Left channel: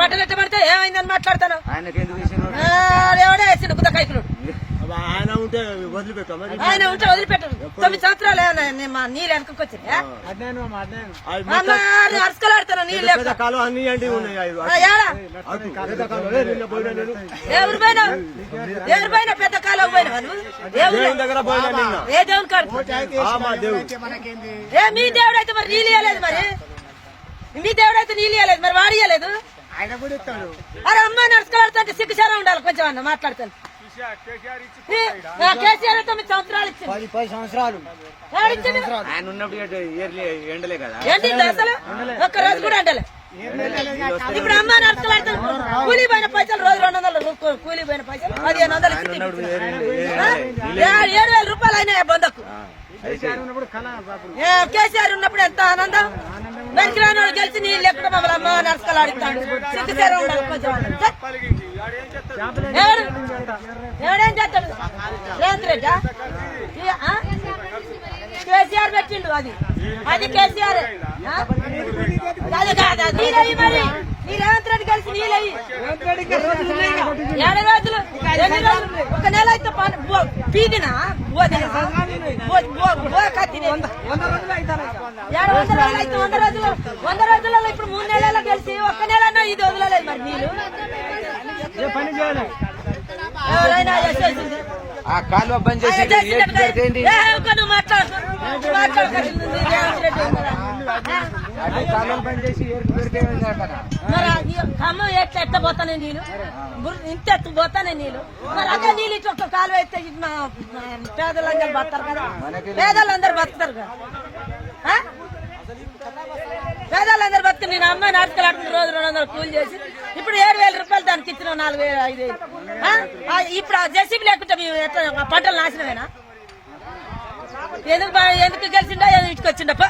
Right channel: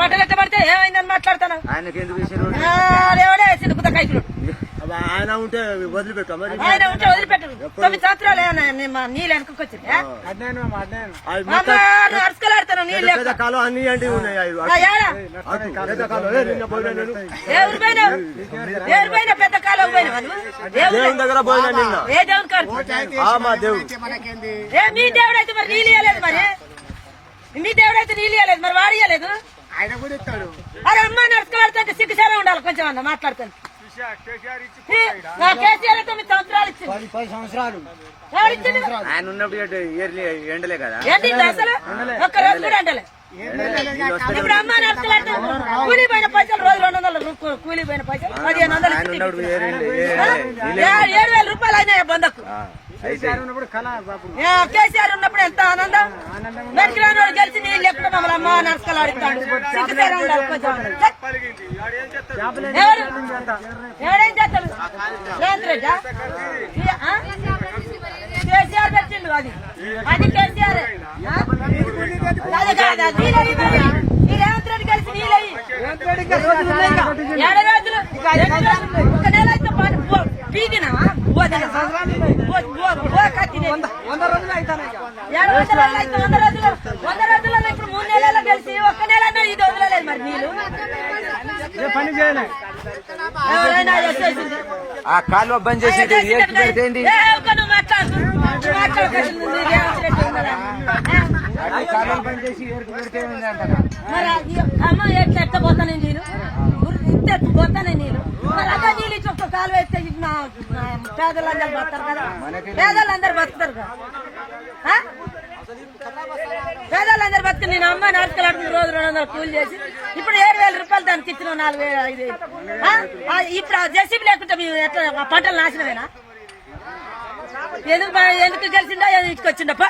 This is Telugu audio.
పంట పెట్టబడితే ఏమైందని మాట్లాడతాను. ఆయనకి ఎందుకు వేసారు? ఎవడే వేసిండు కుత కైకులు. ఆయన ఉంటే వదిలిపెట్టాం. ఆయన ఉంటే వదిలిపెట్టరు. 9 సంవత్సరాలు ఏమన్నా నీళ్ళు వెనకొచ్చింది. అరుచుకోలాడతాను నీళ్ళు కాలం అన్ని అంటే ఉన్నాయి. ఎవరి పైన పెద్ద కాలం పోయిన దేవుని దగ్గర పోయినా నిన్న. ఏ దేవుని కాదు మా దేవుడు. ఏ మీ దేవుడు అయితే మరి నీళ్ళు ఇవ్వలేదు. మరి మీ దేవుడు అయితే నీళ్ళు ఇవ్వలేదు. మరి వాడు ఇవ్వలేదు. ఆయన కూడా ఇస్తాడు. అరే అమ్మాయి నడుచుకోలాడుతుంటే సిగ్గుసారా ఉండాలి కొంచెం అన్న మాట్లాడతాను. కేసీఆర్ 9 సంవత్సరాలు ఇచ్చింది. 10 సంవత్సరాలు ఆయన ఉన్నప్పుడు ఎండలే కదా. ఏంటి అసలు ఒక్క రోజు కూడా అంటలే. ఇప్పుడు అమ్మ నడుచుకోలాడుతా కూలీ పోయిన పైసలు రోజు 200 కూలీ పోయిన పైసలు 1500 7,000 రూపాయలు అయినాయి బంధకు. కేసీఆర్ ఉన్నప్పుడు ఎంత ఆనందం. బెంకిరాని వాళ్ళు గెలిచి నీళ్ళు లేకుండా మమ్మల్ని అమ్మ నడుచుకోలాడుతాడు. ఎవడేం చేస్తాడు? రేవంత్ రెడ్డి కేసీఆర్ పెట్టిండు. అది కేసీఆర్. ఈ రేవంత్ రెడ్డి కలిసి నీళ్ళయి 7 రోజులు 1 నెల అయితే పీకినా 100 రోజులలో ఇప్పుడు 3 నెలల్లో కలిసి 1 నెలన్నా ఇది వదలలేదు. మరి నీళ్ళు పని చేయాలి. ఆ కాలువ బంద్ చేసి పెడితే కాలువలు బంద్ చేసి అమ్మ ఎట్లా పోతానే నీళ్ళు ఇంత పోతానే నీళ్ళు. మరి అక్కడ నీళ్ళు ఇచ్చి ఒక్క కాలువ ఎత్తే పేదలందరూ బతారు కదా. పేదలందరూ బతుకుతారు కదా. పేదలందరూ బతుకు. నేను అమ్మాయి నడుచుకోలాడుతున్న రోజు 200 కూలి చేసి ఇప్పుడు 7,000 రూపాయలు దానికి ఇచ్చిన 4,000 5,000. ఇప్పుడు ఆ జెసిబి లేకుంటే మేము ఎట్లా పంటలు నాశనమేనా? ఎందుకు గెలిచిండా ఇటుకొచ్చిండప్ప.